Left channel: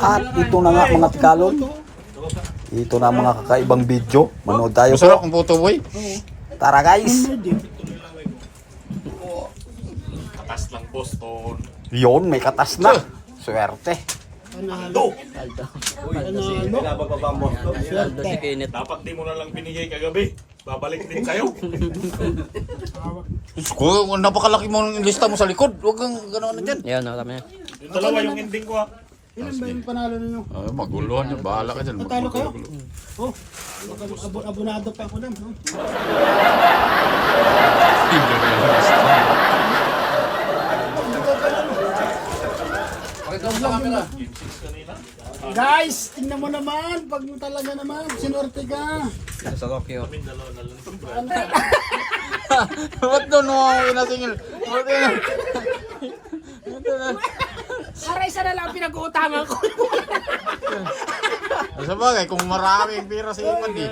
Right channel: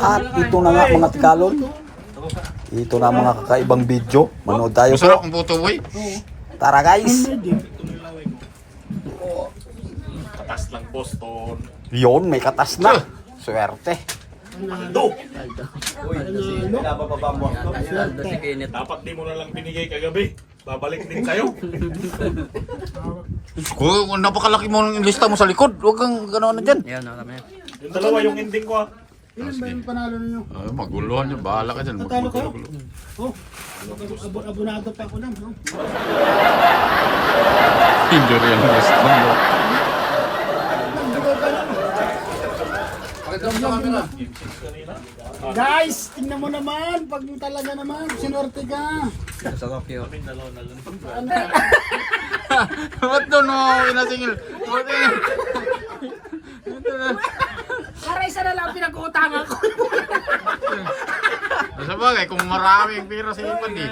At ito na nga mga tikalon. Ito na mga kakaibang video. Manood tayo Masarap po. ang puto boy. Tara guys. Katas lang Boston. Yun, may katas na. Swerte. Aldo! Dapat di mo na lang binigay kagabi. Babalik din kayo. Kung napakalaki mo ng lista mo sa likod, huwag kang gano'n na dyan. Yan, tama yan. Yung dalawa yung ending ko ha. Ilan ba yung panalo ninyo? Ay, maguluhan yan, bahala ka dyan. Natalo kayo? Magulo. Oh, abonado pa ako lang. No? Hindi rin yan. Guys, tingnan mo naman. Pag talaga naman, sinorte ka. Sa Tokyo. Ba't doon mo inasingil? Ba't yun? Para isa na lang pinag-uutangan ko. Sa bagay, kung maraming pira sa ipad eh.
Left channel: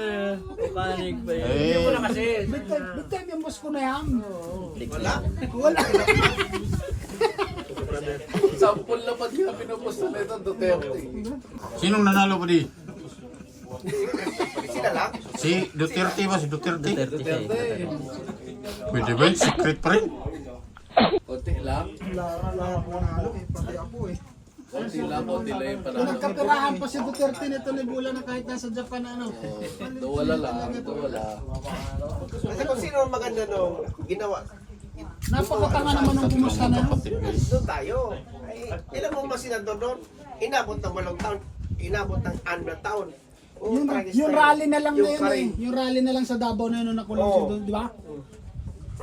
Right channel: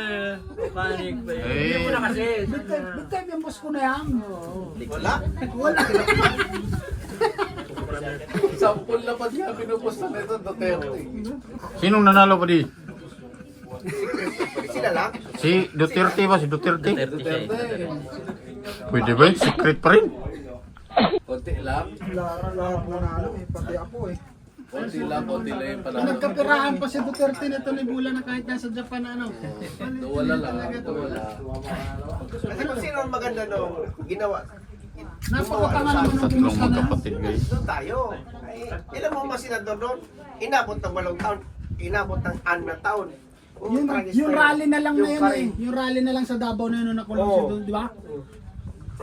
Eh, Big time yung boss ko na yan. Wala? Wala. Sampul na pa niya pinupusta nito Duterte. sinong nanalo pa di? Sila lang? Si Duterte ba? Si Duterte? Duterte. Pwede ba? Secret pa rin? Konti lang. Wala ako nanalo eh. Pati ako eh. Konti lang yung panalo. Nagkapirahan pa si Duterte nito ni Bula na kahit nasa Japan ano. Wala lang. Wala. Kasi kung sino ang maganda nung ginawa, Napakatanga naman ng Tatlong kumusta na. magkapatid guys. doon tayo. Ay, ilan mo mga senador doon? Inabot ng 8 taon, inabot ng 6 na taon. Yung rally na lang na yun eh. Yung rally na lang sa Davao na yun nung nakulong siya doon, di ba?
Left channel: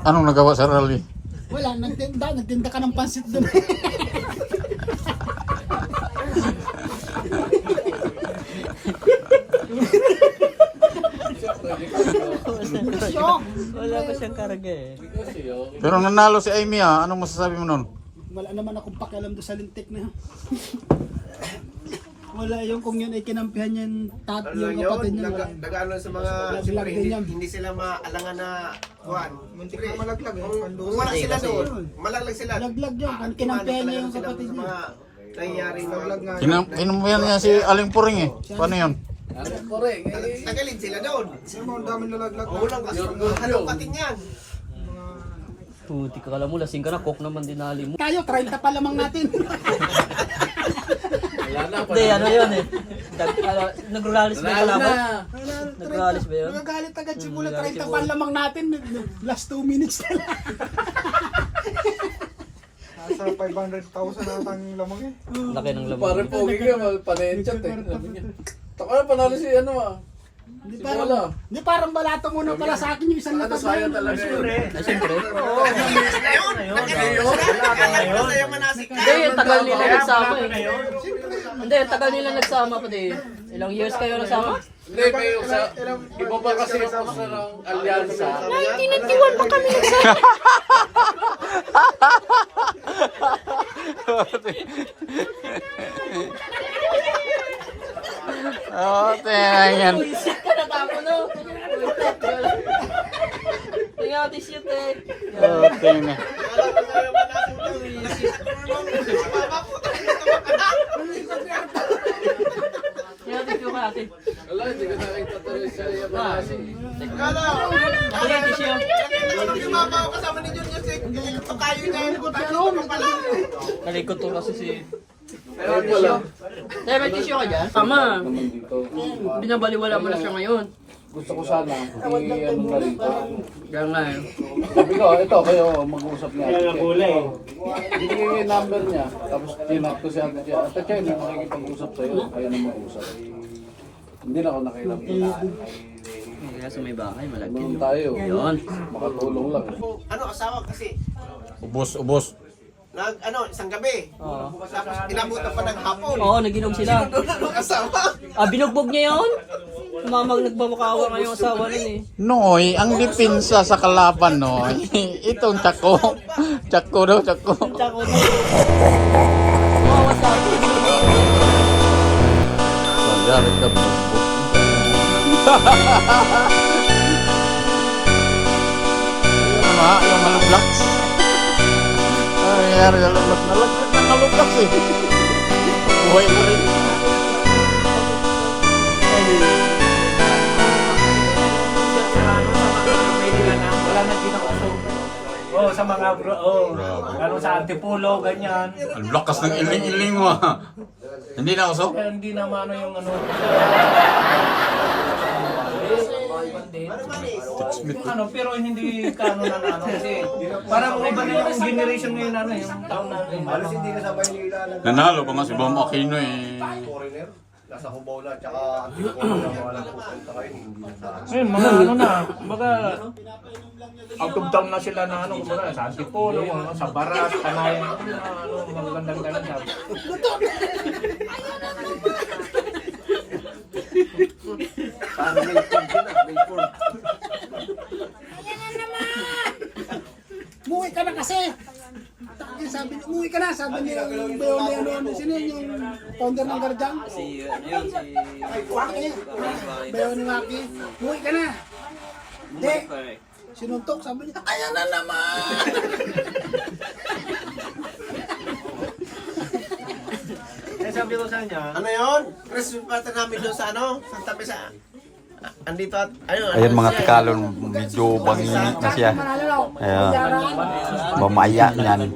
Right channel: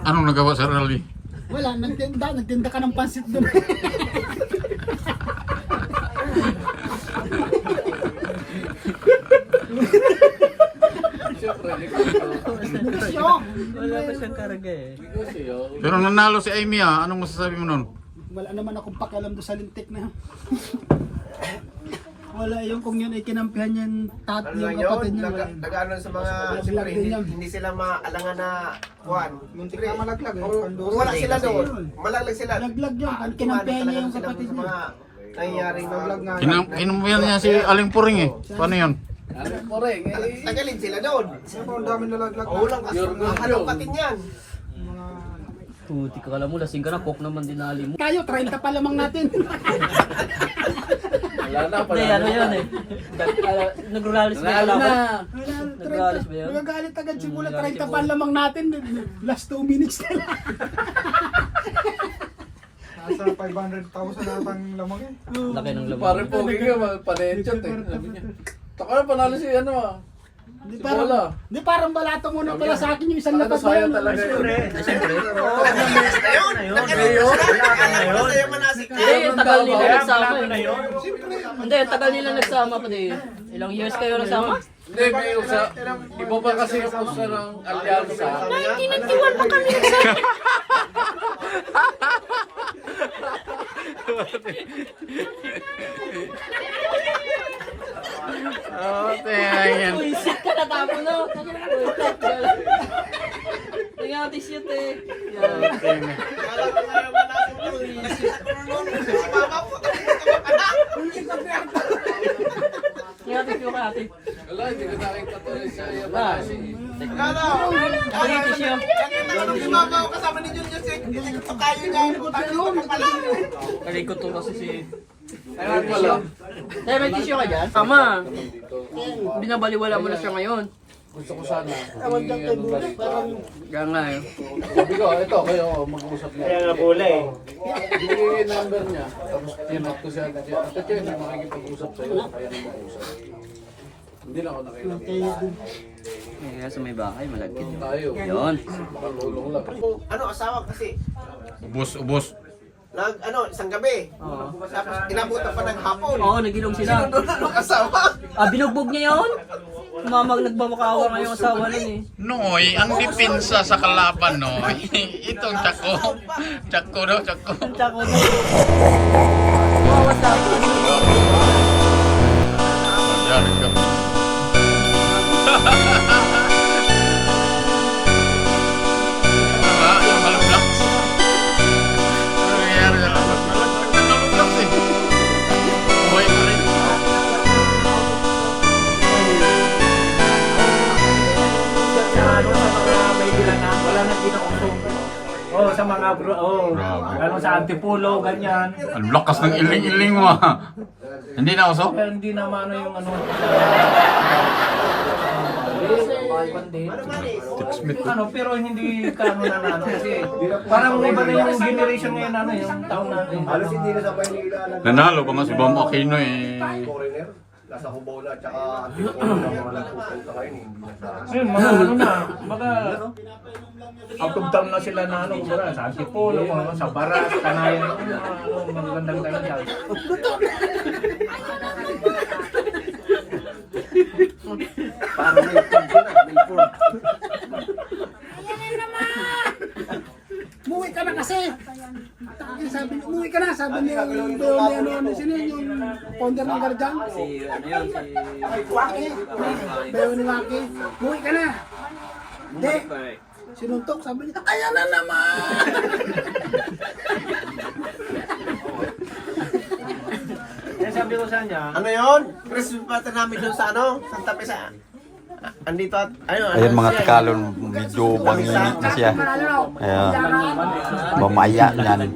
Anong nagawa sa rally? Wala, nagtinda ka ng pansit doon. Wala pa siyang karga eh. Pero nanalo si Amy ah. Anong masasabi mo nun? Wala naman akong pakialam doon sa lintik na yun. Wala yung kung yun ay kinampihan niya yung kapatid niya. Wala yun. Nag-ano sa mga Vlog din yan. hindi sila maalangan na kuhan. Muntik na malaglag eh. Kung wala sila doon, malaglag sila. Laglag yun. Kinampihan niya yung kapatid niya. Nangyaring vlog nga. Kinumayan niya si Aling Puring eh. Paano yun? Tagalin sila doon. Ang dami nalaglag. Walang halongkatin yan. Puti ka kala mo, lasing ka na, coke naman dinali mo. Tayo, 30 pa lamang natin. Wala na. Hindi, ano yun eh. Nagralis ba Nanalo yun? na. Nagalis ba yun? Nagagalit agad si Bula, 30 pa lamang natin. Last 2 minutes na lang. Nasa 500,000 natang lamang eh. Laki ng laman. Parang pogi ka, paninchot eh. Taka na panalo si ano ah. Hindi Bola. parang balato muna pala sa akin yung isang lapat na yun. talaga yun. Ay, siyempre. Sa'yo manasik na. Hindi, tagal nila nagsama eh. Hindi, tagal nila nagsama pa din. Ilang years kayo nagsama? Hindi, may usa. Iba pa kasi yung pusta ng alyansa. Tinitiwan pa kami nagsama. Oh, tingnan yan. Isip ka na tapo no? Tingnan t-shirt eh. Oh, tingnan. Tingnan t-shirt ka ate. Wala, hindi na nakita tuloy siya. Wala. Tingnan t-shirt. Kasama ni Jun Jose, pagkayo niya, pagkayo pala. Nalikot to kasi si... Ayun pala. Tayo may tissue ka dyan? Tama. Binabaliwala mo na siya ngayon. Gusto ko sana. Ano ba rito? Kaya nga eh. Sabi ko, ito kayo mag-uusap na. Ayun ang kulay. Binigay yung number niya. Tapos tinap ko si Ate Chia. Ate Chia, hindi makikipag-usap sa'yo. Kaya na mag-usap. Hindi na ako nakilala. Nasa may bahay, malapit. Tulong tayo. Yun. Makatulong lang. Ano, asawa kasi, Ubos. isang gabi. Tapos inabutan pa ng hapon. Oo, naginom sila. Asawa. Ah, binugbog niya yun? Nagmamakaawa nga yung asawa nun eh. Noy, ang depensa sa kalaban, Noy. Itong Tsako. Tsako daw, Tsako. Tsako na. Bawat ako. Tama, yung mga blocks. Nangyayari na lang. Nalaglag na blocks eh. Buhay mo rin. Oh, sa mga bro, oh. Grabe. Lalo sa Antipolo, ganyan. Ang lakas ng iling-iling mo ah. Hindi na usok? Kaya hindi na mano yung ano. Ano, pero hindi ka ano na ano kasi parang iba rin yung generation ngayon ano, yung taon natin. Halos hindi na sabay nila ng Nanalo pa nga si Ma'am Aquino eh. foreigner. Nasa Cubao na, tsaka Antipolo na mga nagpupunta ngayon, hindi na sa... Ngayon, mga ano na, mga out of town na sila na ano, kumbaga, sa Antipolo, mga sa Baras, Kanayan, ano, magandang ganyan. Parang may food sila, may food. Umuwi ka na kasi. Sabi, umuwi ka na. Sabi niya yung ano, sino yung founder ng Garjang? Si Waki. Bayo ni Waki. Umuwi ka na. Hindi. Sinuntok, sabi niya, ayan na naman! Eh, sabi ko sa kanya, Ano yun? Christmas party namin doon sa ano? Santa Pesa. Andito at, ayun. Ayan mga Tagalog, medyo banginit na siya. Ayan. Mamaya niyan.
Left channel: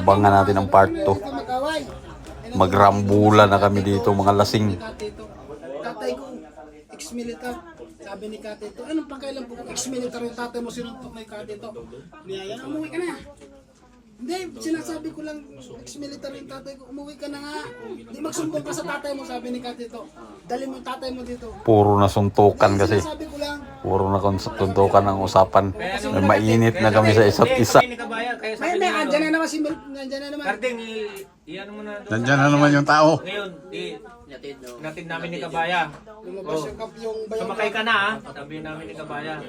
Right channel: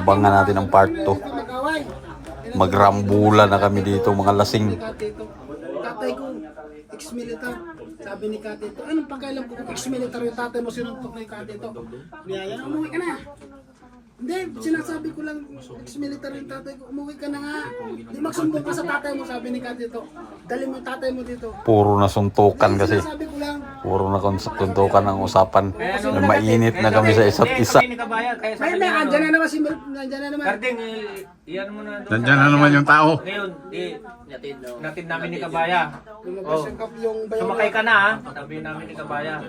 Abangan natin ang part 2. Magaway. Magrambula na kami dito, mga lasing. Tatay ko, ex-militar. Sabi ni Katito, anong pagkailan po kung ex-militar yung tatay mo sinuntok na yung Katito? Niyaya, umuwi ka na. Hindi, sinasabi ko lang, ex-militar yung tatay ko, umuwi ka na nga. Di magsumbong ka sa tatay mo, sabi ni Katito. Dali mo yung tatay mo dito. Puro na suntukan kasi. Sinasabi ko lang, Puro na suntukan ang usapan. Mainit na kami sa isa't isa. Hindi ka bayad, kaya ay sabi na, niya, andyan na naman si andyan na naman. Karding, iyan mo na doon. Nandyan na naman yung tao. Ngayon, natid namin ni Kabaya. Lumabas yung bayo. Sumakay ka na ha, sabi namin ni Kabaya.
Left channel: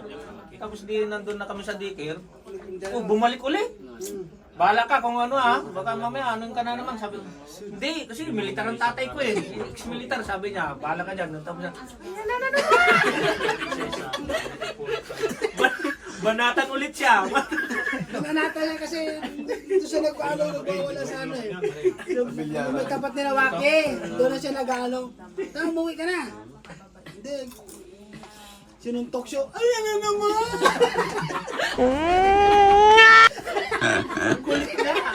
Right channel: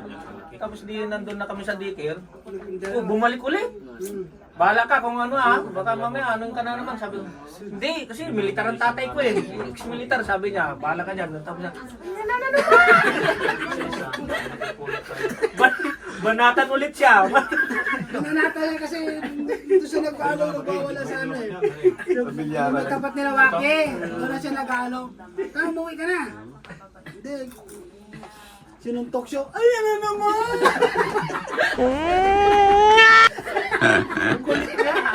Tapos di nandun na kami sa daycare. Oh, bumalik ulit. Bahala ka kung ano ha, baka mamaya anong ka na naman. Sabi ko, hindi, kasi militar ang tatay ko eh. Ex-militar, sabi niya, bahala ka dyan. Tapos niya, banatan ulit siya. Nananata lang kasi dito siya nagwawala sa ano eh. Yung may tapat ni Waki, doon na siya nag-ano. Tama, umuwi ka na. Hindi. Sinuntok siya, ayan na naman!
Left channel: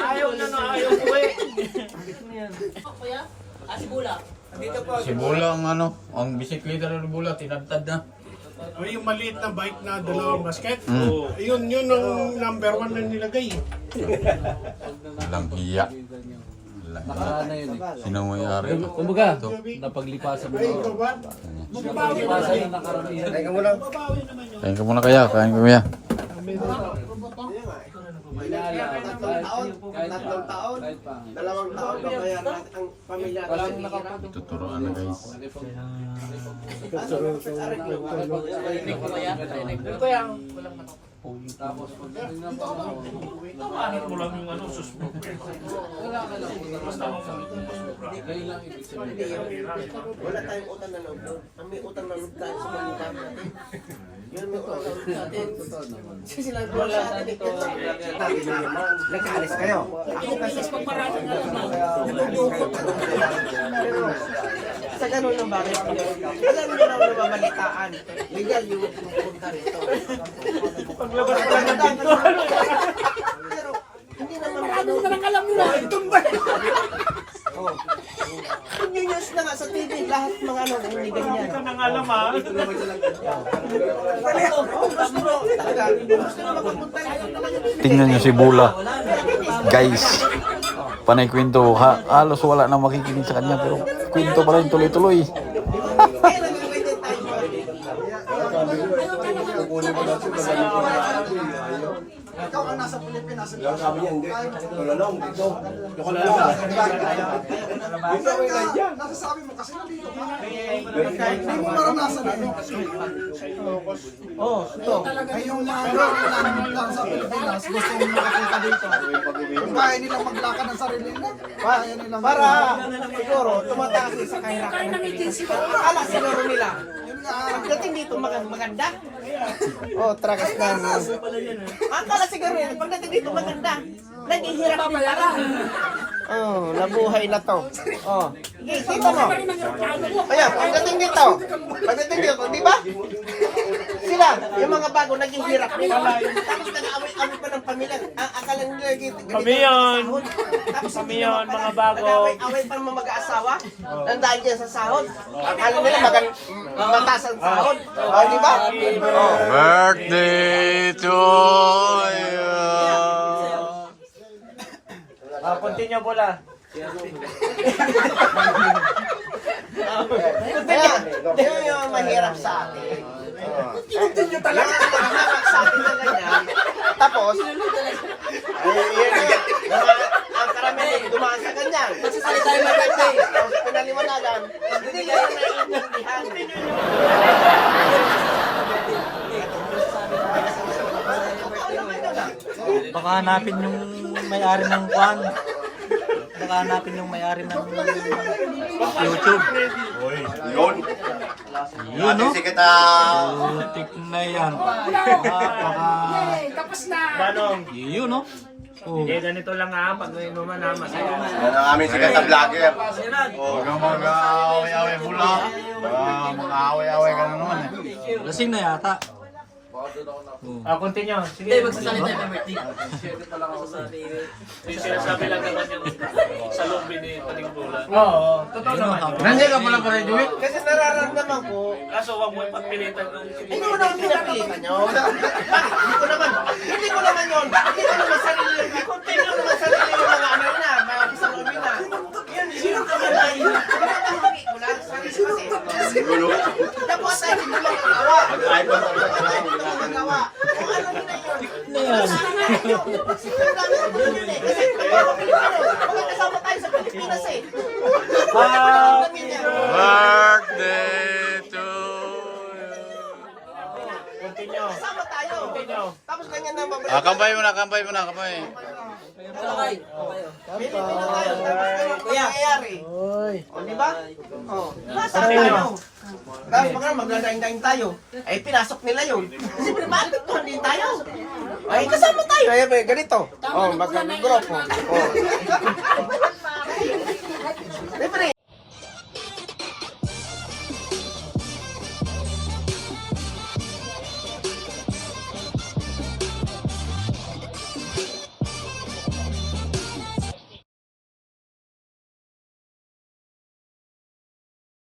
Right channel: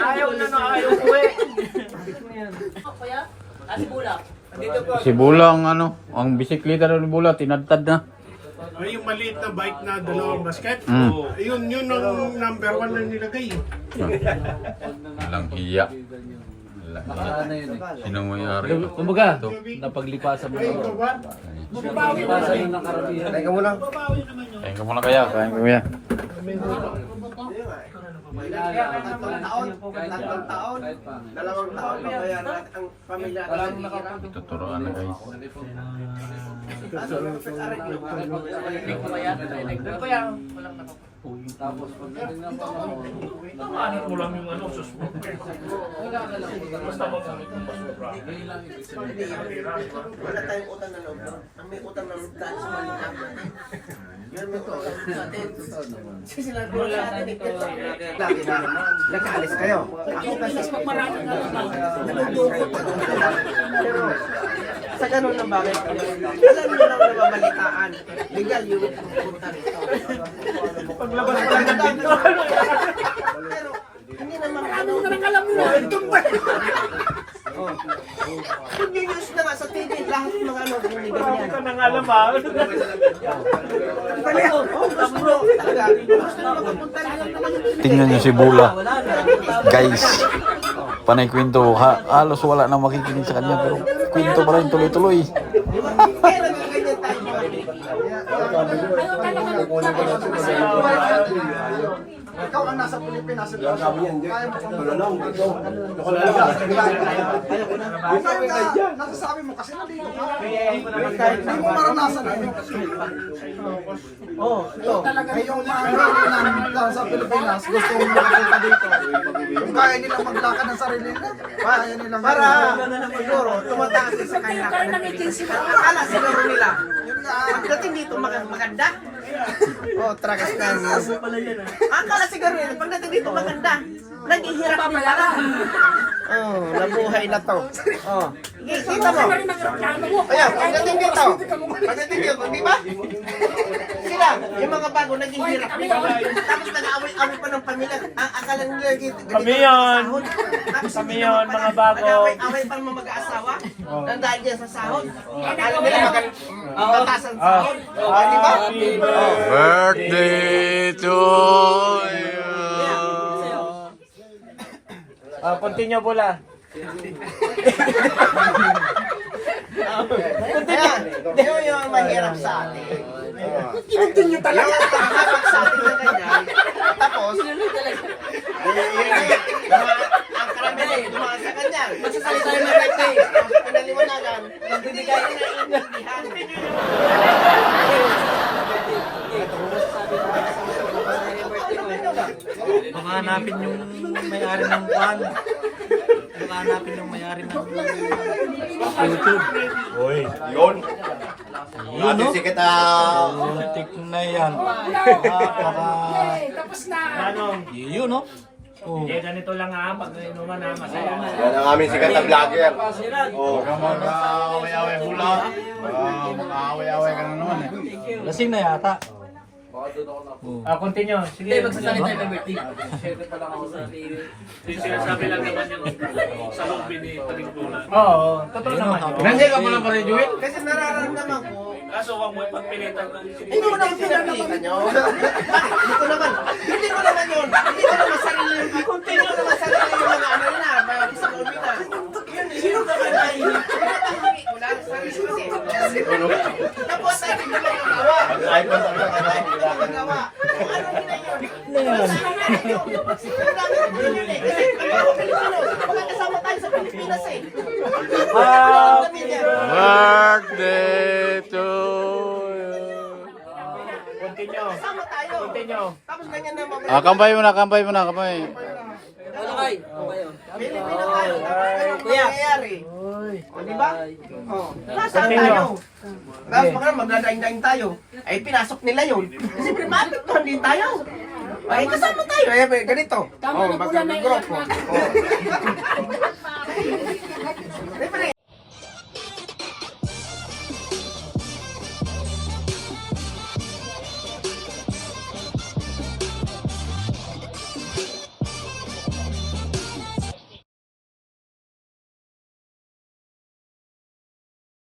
Ayaw na no, ayaw uwi. Si Bula ang ano, ang bisikleta ni Bula, tinadtad na. Ay, yung maliit na bike na dalawang basket. Mm. Yun ang number 1 na nilagay. Walang hiya. Nakaraan na yun eh. Sino mo yung-ari? Kumbaga, napaglipasan mo na. Napaglipasan na nakaramihan. Teka mo lang. Kain ka muna kaya, kain ka kaya. Tatlong taon, dalawang taon, babayaran natin ang pamilya natin. Tuturuan na guys. Tapos pag nga pa Anit mo lang yung ano, susmo. wala ka lang. Basta ngayon lang ibig sabihin. Wala tayong utang na loob. Ang may utang na loob tayo sa mga natin. Yun may utang na loob natin. Kasi sila wala natin ito. Nagkaalis kayo. Ako kasi pero sa ganun ng bakit, alam niyo lang nababalitaan. Legal yung pumunta rito. Paglabas pa lang ng dito. Pero hindi naman Maraming na alam nila, itong ba? yung news na nga sa TV, lahat ng mga ano, hindi ganyan. Ito nang alam ha. Oh, gusto mo talaga. Gusto mo makapunta rito. Tingnan nyo si Bula. Guys, panay kwento. Halos wala na makikinig sa kanya pero kwento pa rin tuloy-tuloy. Kailan nga ganyan tayo? Ikaw ang nasa Pilipinas. Sabi niya, hindi. Wala lang, dito. Nasasabi mo kasi hindi mo maranasan ano. Oh, ito. Ay yung mga lang sa Pilipinas, gusto mong makapunta dito. Kung kaya nilang maglakad ng sarili nila, kaya nilang para siguro tumataas sa kahirapan ng Pilipinas. Akala siguro nila, pagdating dito maganda. Oh, tragas na. Akala siguro nila, pagdating dito maganda. Naghihirap din pala. Oh, nabuhay na to. Oh. Kita mo. Ayan, pagdating dito. Pagdating dito, di ba? Sila, yung mga bago naghihirap. Tapos nag-away-away pa ng pamilya. Ang akala nila dito. Kami yun. Kami yun, mga bago. Nag-away-away pa ng mga mag-aasawa. Nang dahil dyan sa sahod. Akala nila magtaas ang sahod. Oh, di ba? Oh. Birthday to you. Continue pula. Yun yung mahirap sa atin. Continue talaga. Yung nakahabak sa atin na ganyan. Tapos, ang karamihan dumaan sa kanya. Magsasalita yung may birthday. Pinaliwanagan, nagbibigay na intindihan. Baka hanapin yung may-ari ng kwan. Baka hanapin yung may-ari ng YouTube. Yun, no? Politik na yan. Tapos na. Manong, Yun, no? Oh. ganito lang pag inuman masaya. Yan ang aming sikat na vlogger. Huwag kang mag-away-away hula. Mga away-away ka na naman eh. Lasing na yata. Continue. Hindi, Sige. magsasalita yung may birthday. Oo, totoo naman. Nandiyan ka pala pala, Joey? Kasi nararamdaman ko, Kaso wag mo ipagpilitan ng hindi mo naman pinapilitan yun. Hindi ko naman yun. Hindi ko naman sarili yung mga ano na, mga isang umi na. Sino ka man na yun? Pinapahagi ko lang, sarili ko kasi. Tapos natin ko lang nagawa. Nagawa. Kung ano yun na yun. Na yan. Sino namin ang yun eh. Kasi mga kasama tayo sa Pilipinas eh. Ang pamilya. Birthday to you. Continue. Kasama tayo. Tapos ganyan na babalik. Kampay mo na, kampay mo na, kampay. Talakay. Bili na tayo. Tapos anong nangyayari? O, di ba? O, nasa Continue. tayo. Tapos baka magdadaing-daing tayo. Ay, pinasok nila yun. Kasi private to, din tayo. Ay, kasama tayo. Ay, ganito. O, magkagrupo.